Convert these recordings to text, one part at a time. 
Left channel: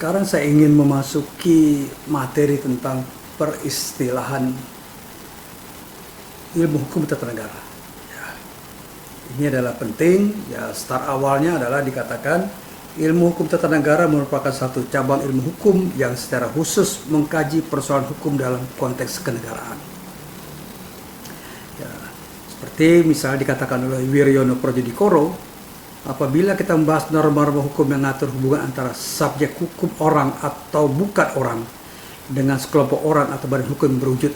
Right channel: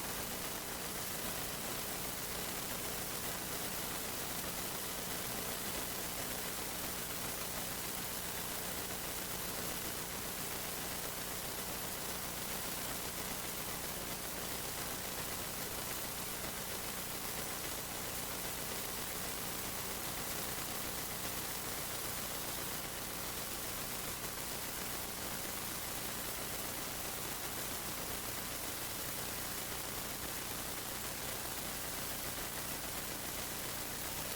Sekarang saya ingin memasuki materi tentang peristilahan ilmu hukum tata negara. Ya, ini adalah penting. Ya, start awalnya adalah dikatakan ilmu hukum tata negara merupakan satu cabang ilmu hukum yang secara khusus mengkaji persoalan hukum dalam konteks kenegaraan. Ya, seperti misalnya dikatakan oleh Wiryono Prodjodikoro, apabila kita membahas norma-norma hukum yang mengatur hubungan antara subjek hukum orang atau bukan orang dengan sekelompok orang atau badan hukum berwujud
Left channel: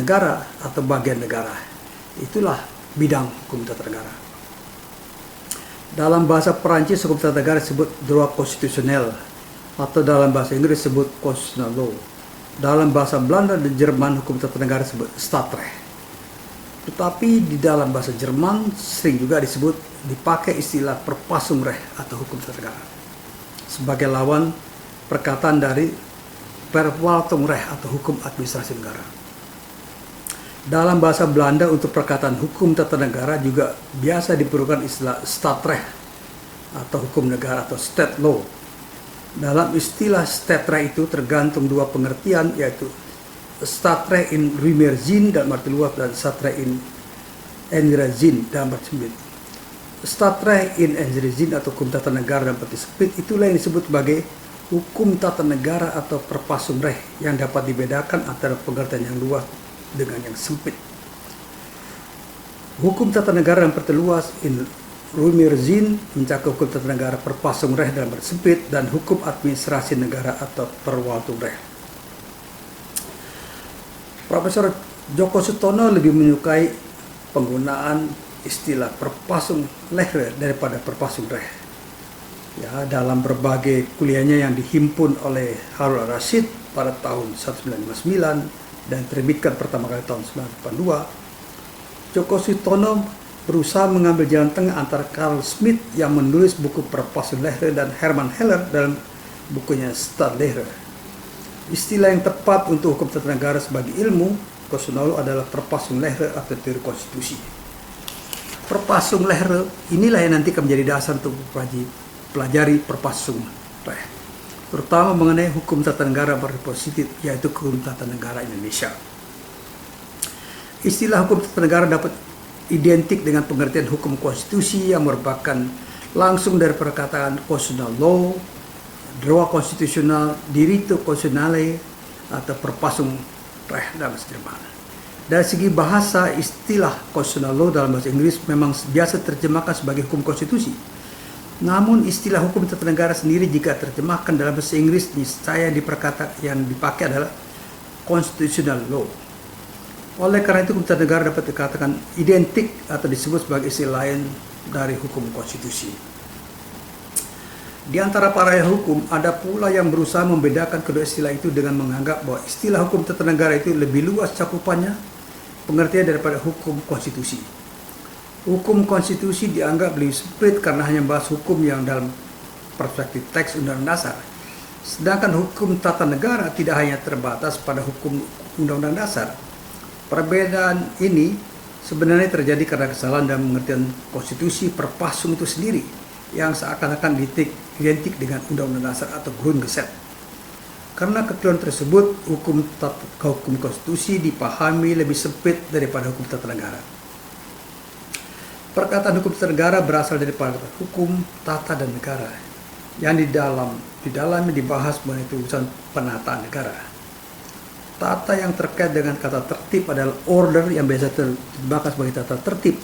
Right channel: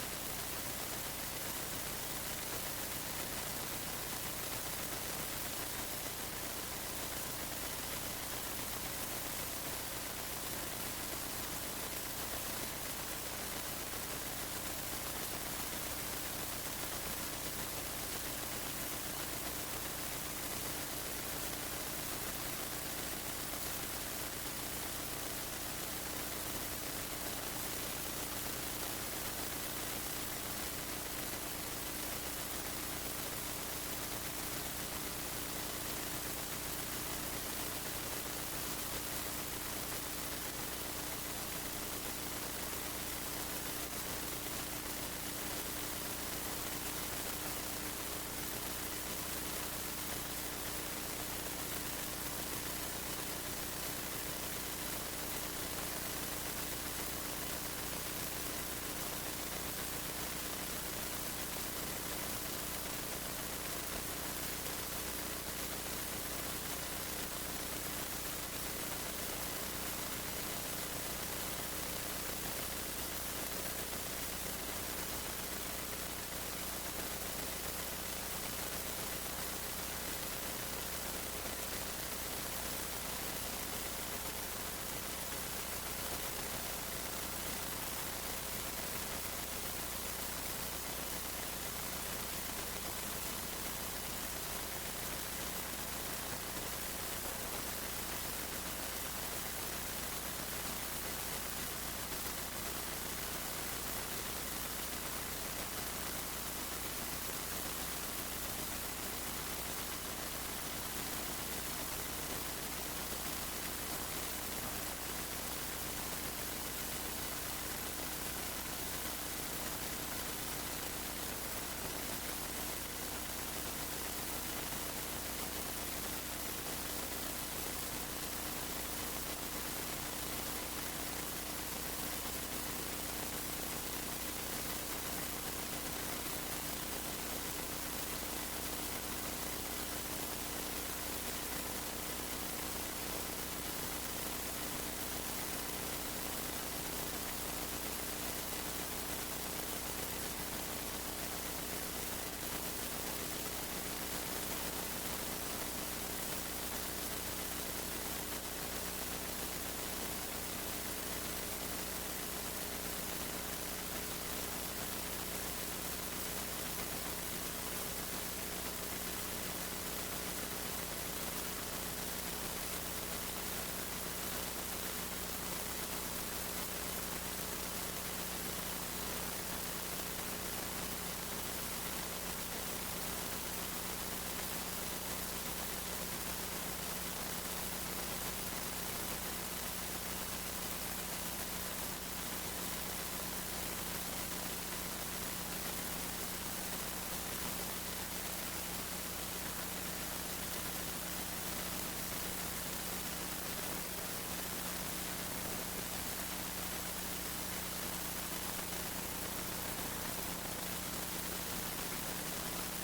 negara atau bagian negara, itulah bidang hukum tata negara. Dalam bahasa Perancis, hukum tata negara disebut droit constitutionnel, atau dalam bahasa Inggris disebut constitutional law. Dalam bahasa Belanda dan Jerman, hukum tata negara disebut staatsrecht. Tetapi di dalam bahasa Jerman sering juga dipakai istilah Verfassungsrecht atau hukum tata negara sebagai lawan perkataan dari Verwaltungsrecht atau hukum administrasi negara. Dalam bahasa Belanda untuk perkataan hukum tata negara juga biasa diperlukan istilah staatsrecht atau hukum negara atau state law. Dalam istilah staatsrecht itu tergantung dua pengertian, yaitu staatsrecht in ruimer zin dalam arti luas dan staatsrecht in engere zin dalam arti sempit. Staatsrecht in engere zin atau hukum tata negara dalam arti sempit itulah yang disebut sebagai hukum tata negara atau Verfassungsrecht yang dapat dibedakan antara pengertian yang luas dengan yang sempit. Hukum tata negara yang perluas in ruimer zin mencakup hukum tata negara Verfassungsrecht dalam arti sempit dan hukum administrasi negara atau Verwaltungsrecht. Profesor Djoko Sutono lebih menyukai penggunaan istilah Verfassungsrecht daripada Verfassungsrecht. Ya, dalam berbagai kuliahnya yang dihimpun oleh Harun Al-Rashid pada tahun 1959 dan terbitkan pertama kali tahun 1982, Djoko Sutono berusaha mengambil jalan tengah antara Carl Schmitt yang menulis buku Verfassungsrecht dan Hermann Heller dalam bukunya Staatsrecht. Istilah yang tepat untuk hukum tata negara sebagai ilmu konstitusional adalah Verfassungsrecht atau teori konstitusi. Verfassungsrecht inilah yang nanti akan menjadi dasar untuk pelajari Verfassungsrecht, terutama mengenai hukum tata negara berpositif, yaitu hukum tata negara Indonesia. Istilah hukum tata negara dapat identik dengan pengertian hukum konstitusi yang merupakan langsung dari perkataan constitutional law, droit constitutional, diritto costituzionale atau Verfassungsrecht dalam bahasa Jerman. Dari segi bahasa, istilah constitutional law dalam bahasa Inggris memang biasa terjemahkan sebagai hukum konstitusi. Namun istilah hukum tata negara sendiri jika terjemahkan dalam bahasa Inggris niscaya yang dipakai adalah constitutional law. Oleh karena itu hukum tata negara dapat dikatakan identik atau disebut sebagai istilah lain dari hukum konstitusi. Di antara para hukum ada pula yang berusaha membedakan kedua istilah itu dengan menganggap bahwa istilah hukum tata negara itu lebih luas cakupannya pengertian daripada hukum konstitusi. Hukum konstitusi dianggap lebih sempit karena hanya membahas hukum yang dalam perspektif teks Undang-Undang Dasar. Sedangkan hukum tata negara tidak hanya terbatas pada hukum Undang-Undang Dasar. Perbedaan ini sebenarnya terjadi karena kesalahan dalam pengertian konstitusi Verfassung itu sendiri yang seakan-akan identik dengan Undang-Undang Dasar atau Grundgesetz. Karena kekeliruan tersebut, hukum konstitusi dipahami lebih sempit daripada hukum tata negara. Perkataan hukum tata negara berasal daripada hukum tata dan negara yang di dalamnya dibahas mengenai urusan penataan negara. Tata yang terkait dengan kata tertib adalah order yang biasa dibahas sebagai tata tertib.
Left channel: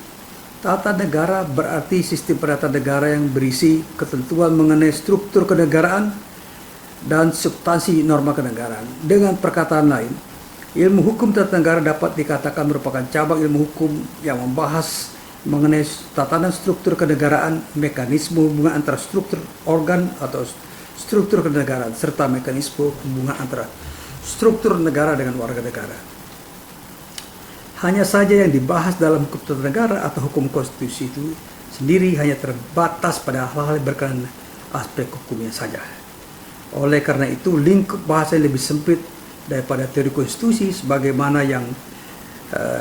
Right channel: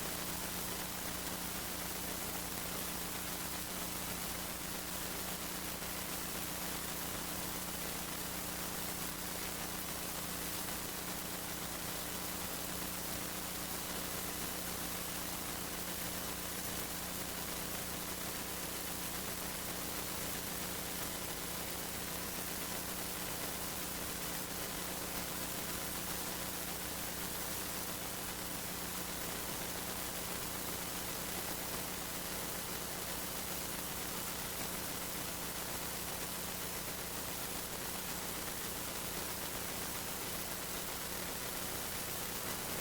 Tata negara berarti sistem penataan negara yang berisi ketentuan mengenai struktur kenegaraan dan substansi norma kenegaraan. Dengan perkataan lain, ilmu hukum tata negara dapat dikatakan merupakan cabang ilmu hukum yang membahas mengenai tatanan struktur kenegaraan, mekanisme hubungan antara struktur organ atau struktur kenegaraan, serta mekanisme hubungan antara struktur negara dengan warga negara. Hanya saja yang dibahas dalam hukum tata negara atau hukum konstitusi itu sendiri hanya terbatas pada hal-hal berkaitan aspek hukumnya saja. Oleh karena itu, lingkup bahasa lebih sempit daripada teori konstitusi sebagaimana yang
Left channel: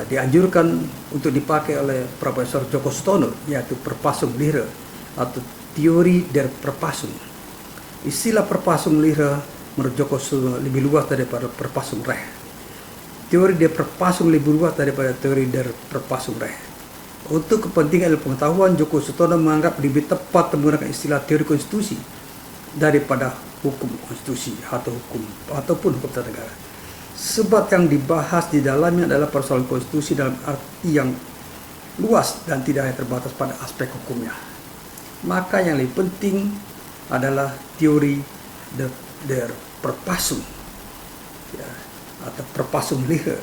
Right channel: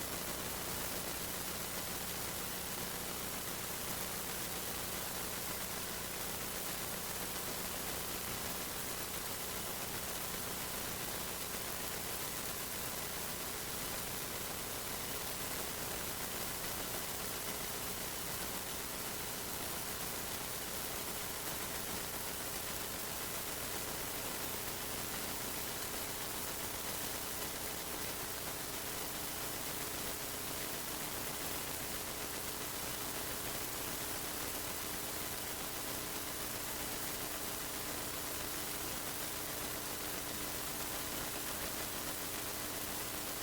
dianjurkan untuk dipakai oleh Profesor Djoko Sutono, yaitu Verfassungsleer atau teori der Verfassung. Istilah perpasung lihre menurut Joko Suno lebih luas daripada perpasung reh. Teori dia perpasung lebih luas daripada teori dari perpasung reh. Untuk kepentingan ilmu pengetahuan, Joko Sutono menganggap lebih tepat menggunakan istilah teori konstitusi daripada hukum konstitusi atau hukum ataupun hukum tata negara. Sebab yang dibahas di dalamnya adalah persoalan konstitusi dalam arti yang luas dan tidak hanya terbatas pada aspek hukumnya. Maka yang lebih penting adalah teori der perpasung, ya, atau perpasung lihre,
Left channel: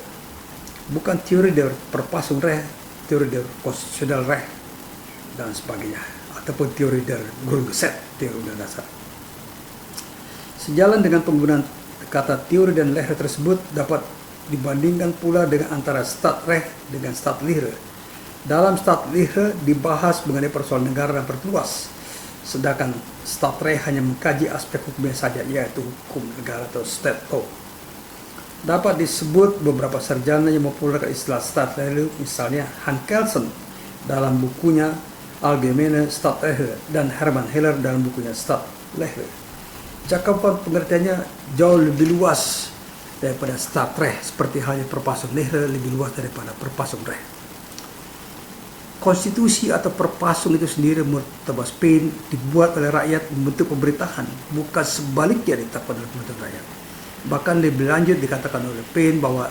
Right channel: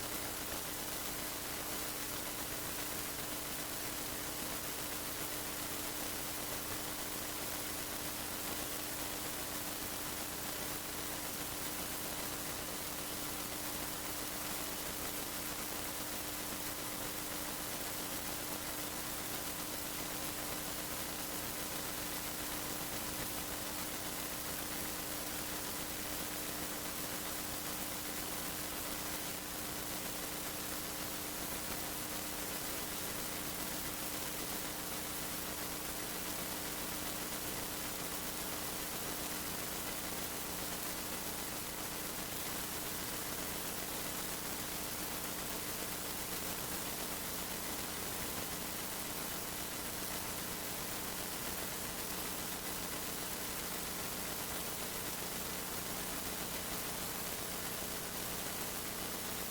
bukan teori der perpasung reh, teori der konstitusional reh dan sebagainya, ataupun teori der Grundgesetz, teori undang dasar. Sejalan dengan penggunaan kata teori dan lihre tersebut dapat dibandingkan pula dengan antara stat reh dengan stat lihre. Dalam stat lihre dibahas mengenai persoalan negara dan perluas, sedangkan stat reh hanya mengkaji aspek hukumnya saja, yaitu hukum negara atau state law. Dapat disebut beberapa sarjana yang mempopulerkan istilah stat lihre, misalnya Hans Kelsen dalam bukunya Allgemeine Stadtrechte dan Hermann Heller dalam bukunya Stat Lehre. Cakupan pengertiannya jauh lebih luas daripada stat reh, seperti halnya perpasung lihre lebih luas daripada perpasung reh. Konstitusi atau perpasung itu sendiri menurut Thomas Paine dibuat oleh rakyat membentuk pemerintahan, bukan sebaliknya ditetapkan oleh pembentuk rakyat. Bahkan lebih lanjut dikatakan oleh Paine bahwa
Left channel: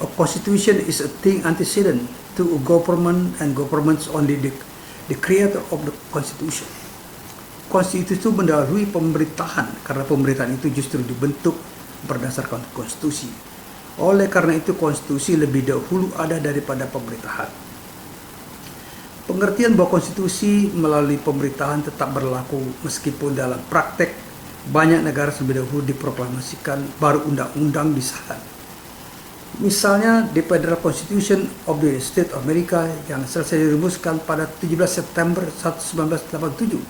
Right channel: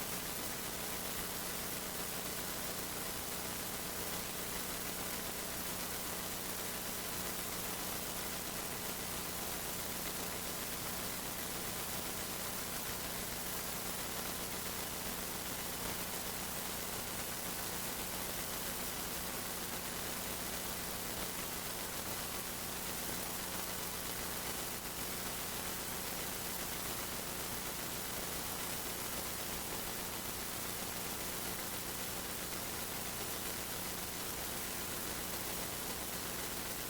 a constitution is a thing antecedent to a government and governments only the creator of the constitution. Konstitusi itu mendahului pemerintahan karena pemerintahan itu justru dibentuk berdasarkan konstitusi. Oleh karena itu konstitusi lebih dahulu ada daripada pemerintahan. Pengertian bahwa konstitusi melalui pemerintahan tetap berlaku meskipun dalam praktek banyak negara lebih dahulu diproklamasikan baru undang-undang disahkan. Misalnya the Federal Constitution of the State of America yang selesai dirumuskan pada 17 September 1987,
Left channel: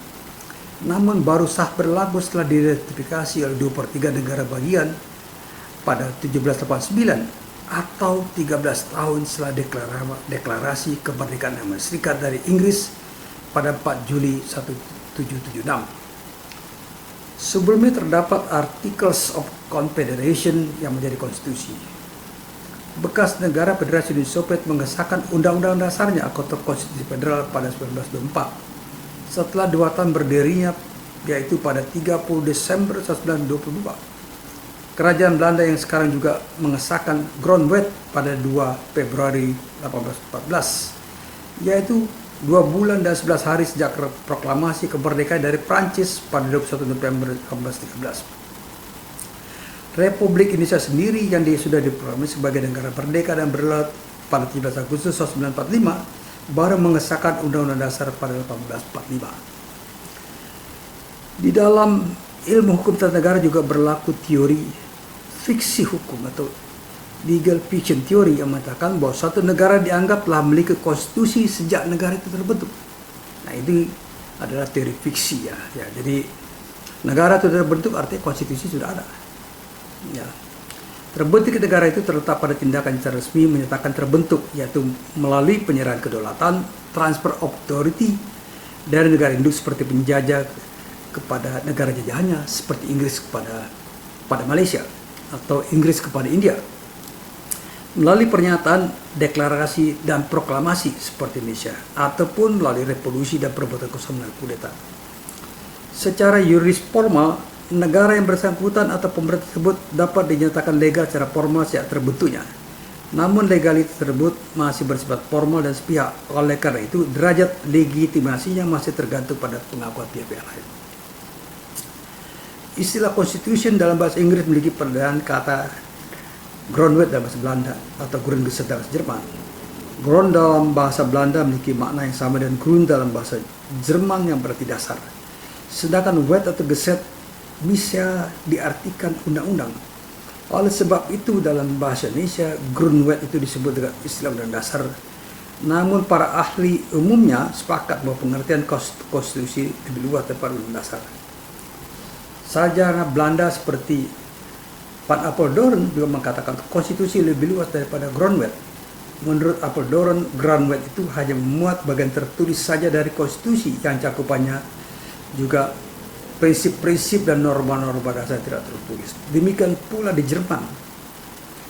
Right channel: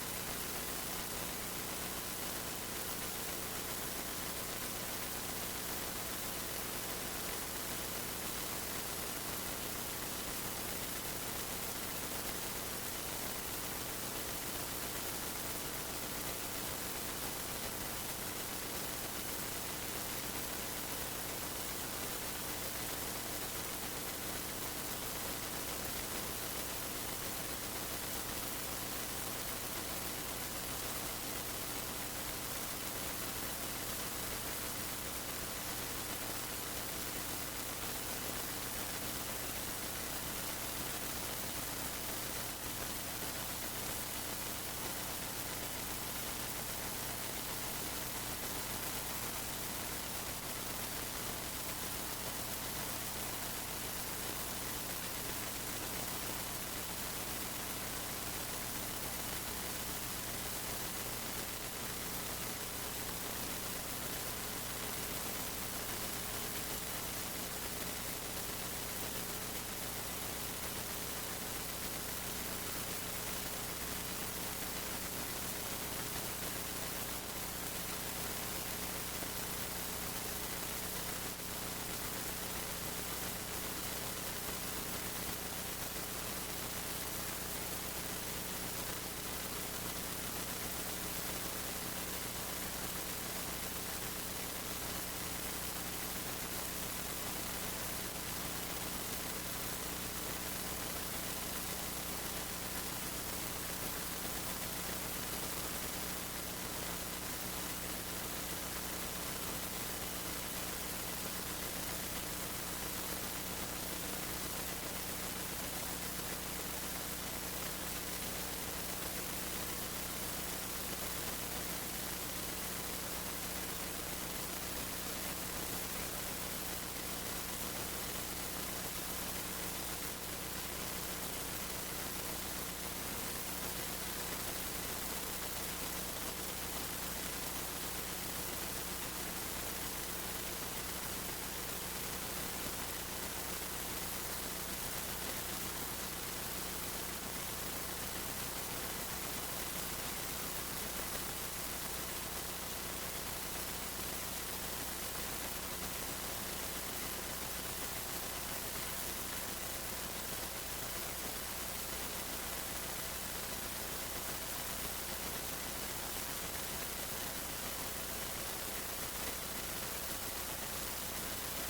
namun baru sah berlaku setelah diratifikasi oleh 2/3 negara bagian pada 1789 atau 13 tahun setelah deklarasi kemerdekaan Amerika Serikat dari Inggris pada 4 Juli 1776. Sebelumnya terdapat Articles of Confederation yang menjadi konstitusi. Bekas negara Federasi Uni Soviet mengesahkan undang-undang dasarnya atau konstitusi federal pada 1924. Setelah 2 tahun berdirinya, yaitu pada 30 Desember 1922. Kerajaan Belanda yang sekarang juga mengesahkan Grondwet pada 2 Februari 1814, yaitu 2 bulan dan 11 hari sejak proklamasi kemerdekaan dari Prancis pada 21 November 1813. Republik Indonesia sendiri yang sudah diproklamasi sebagai negara merdeka dan berdaulat pada 17 Agustus 1945 baru mengesahkan Undang-Undang Dasar pada 1845. Di dalam ilmu hukum tata negara juga berlaku teori fiksi hukum atau legal fiction theory yang mengatakan bahwa suatu negara dianggap telah memiliki konstitusi sejak negara itu terbentuk. Nah, ini adalah teori fiksi ya. Jadi negara itu terbentuk artinya konstitusi sudah ada. Ya. Terbentuk negara itu terletak pada tindakan secara resmi menyatakan terbentuk, yaitu melalui penyerahan kedaulatan, transfer of authority dari negara induk seperti penjajah kepada negara jajahannya, seperti Inggris kepada Malaysia atau Inggris kepada India, melalui pernyataan, deklarasi, dan proklamasi seperti Indonesia, ataupun melalui revolusi dan perbuatan kosong dan kudeta. Secara yuridis formal, negara yang bersangkutan atau pemerintah tersebut dapat dinyatakan legal secara formal sejak terbentuknya. Namun legalitas tersebut masih bersifat formal dan sepihak. Oleh karena itu, derajat legitimasinya masih tergantung pada pengakuan pihak lain. Istilah constitution dalam bahasa Inggris memiliki perbedaan kata Grondwet dalam bahasa Belanda atau Grundgesetz dalam bahasa Jerman. Grond dalam bahasa Belanda memiliki makna yang sama dengan Grund dalam bahasa Jerman yang berarti dasar. Sedangkan Wet atau Gesetz bisa diartikan undang-undang. Oleh sebab itu dalam bahasa Indonesia Grundwet itu disebut dengan istilah undang dasar. Namun para ahli umumnya sepakat bahwa pengertian konstitusi lebih luas daripada undang dasar. Sarjana Belanda seperti Van Apeldoorn juga mengatakan konstitusi lebih luas daripada Grondwet. Menurut Apeldoorn, Grondwet itu hanya memuat bagian tertulis saja dari konstitusi yang cakupannya juga prinsip-prinsip dan norma-norma dasar tidak tertulis. Demikian pula di Jerman.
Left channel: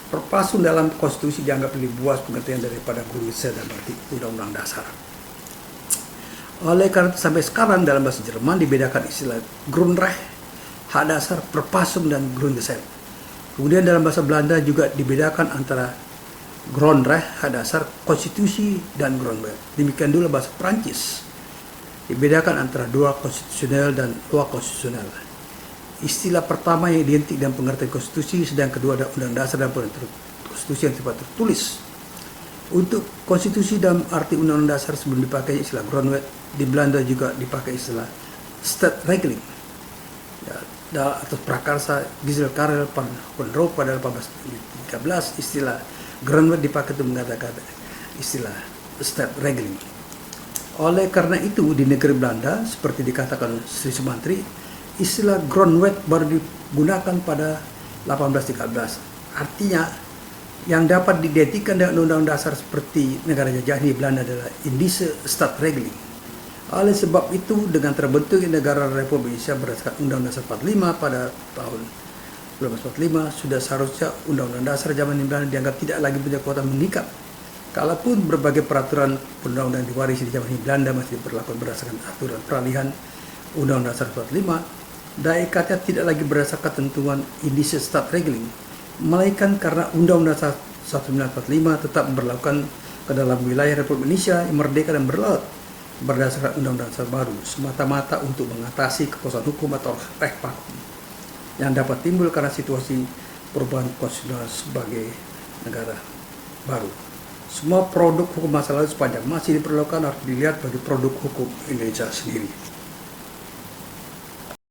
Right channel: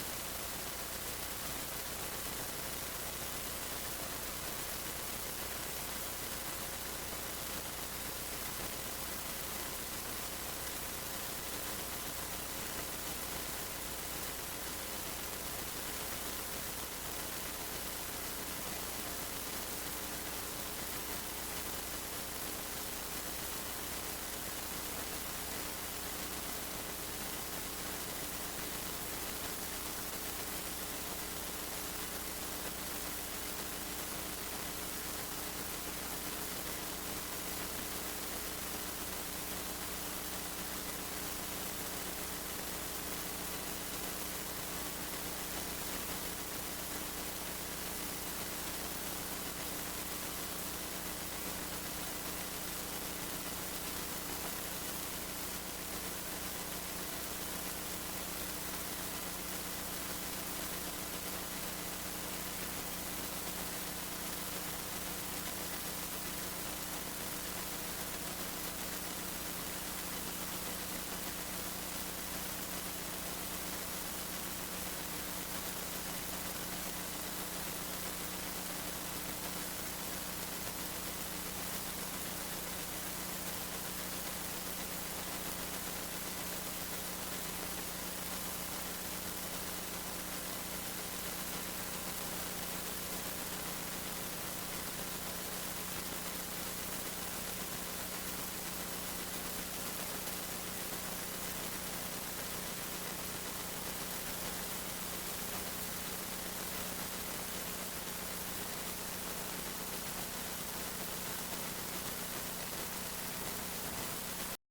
Terpasung dalam konstitusi dianggap lebih luas pengertian daripada Grundgesetz dan arti undang-undang dasar. Oleh karena itu sampai sekarang dalam bahasa Jerman dibedakan istilah Grundrecht, hak dasar, Verfassung dan Grundgesetz. Kemudian dalam bahasa Belanda juga dibedakan antara Grondrecht, hak dasar, konstitusi dan Grondwet. Demikian juga bahasa Prancis. Dibedakan antara droit konstitusional dan loi konstitusional. Istilah pertama yang identik dengan pengertian konstitusi, sedang kedua adalah undang dasar dan pengertian konstitusi yang sifat tertulis. Untuk konstitusi dalam arti undang-undang dasar sebelum dipakai istilah Grondwet, di Belanda juga dipakai istilah Stadregeling ya, atau prakarsa Giselle Karel van Roo pada 1813. Istilah Grondwet dipakai untuk mengatakan istilah Stadregeling. Oleh karena itu di negeri Belanda seperti dikatakan Sri Sumantri, istilah Grondwet baru digunakan pada 1813. Artinya yang dapat diidentikan dengan undang-undang dasar seperti negara jajah di Belanda adalah Indische Stadregeling. Oleh sebab itu dengan terbentuknya negara Republik Indonesia berdasarkan Undang-Undang Dasar 45 pada tahun 1945, sudah seharusnya Undang-Undang Dasar zaman Belanda dianggap tidak lagi punya kekuatan mengikat. Kalaupun berbagai peraturan undang-undang diwarisi di zaman Belanda masih berlaku berdasarkan aturan peralihan Undang-Undang Dasar 45, daya ikatnya tidak lagi berdasarkan ketentuan Indische Stadregeling, melainkan karena Undang-Undang Dasar 1945 tetap berlakukan ke dalam wilayah Republik Indonesia yang merdeka dan berlaut berdasarkan Undang-Undang Dasar baru, semata-mata untuk mengatasi kekosongan hukum atau reh vakum yang dapat timbul karena situasi perubahan konstitusional sebagai negara baru. Semua produk hukum masa lalu sepanjang masih diperlukan harus dilihat bagi produk hukum Indonesia sendiri.